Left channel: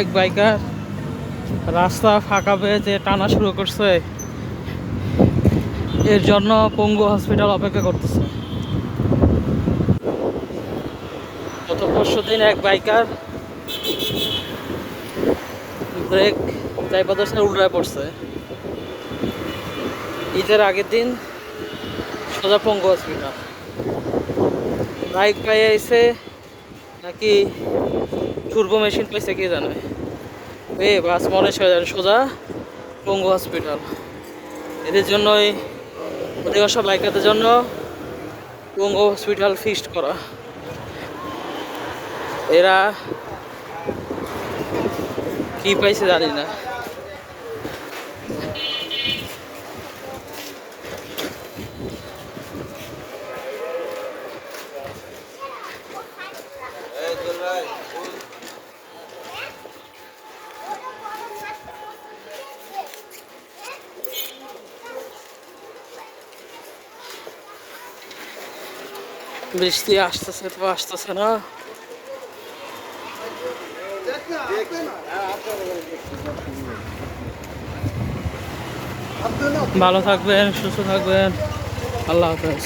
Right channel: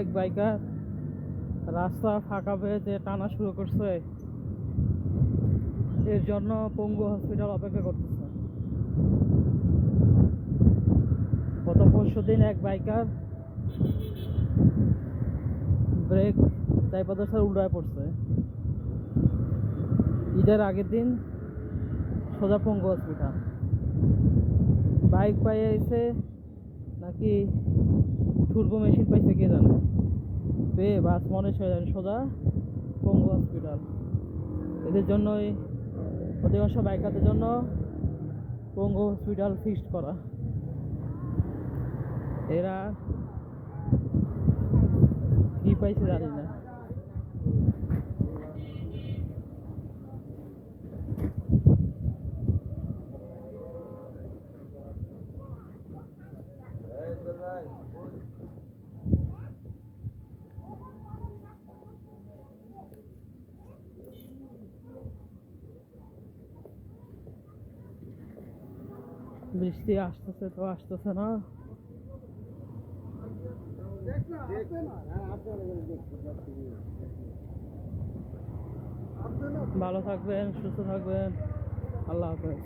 এক বাইকার রাস্তা ফাঁকা পেয়ে যে টানা শুরু করছে, এর জন্য পঙ্গু হসপিটাল অপেক্ষা করতেছে। গত পরশুদিন এক বাইকার ব্রেক চাইপাদর্শে উল্টায় পড়ছে। ঈদের আগের দিন সোজা পঙ্গু হসপিটাল। বাইক পাইয়ে আইছে নাকি টুর্বো মেশিন পাইছে কে জানে, বাস মনে সোজা পঙ্গু হসপিটাল। এদের জন্যই অধিকাংশ বাইকারদের জন্য পঙ্গু হসপিটাল ফিক্সড করা। এরা কি পাইছে জানি না। বৃষ্টি আসতেছে তো আসতেছে না। ভালো থাকবেন, সুস্থ থাকবেন, আল্লাহ হাফেজ।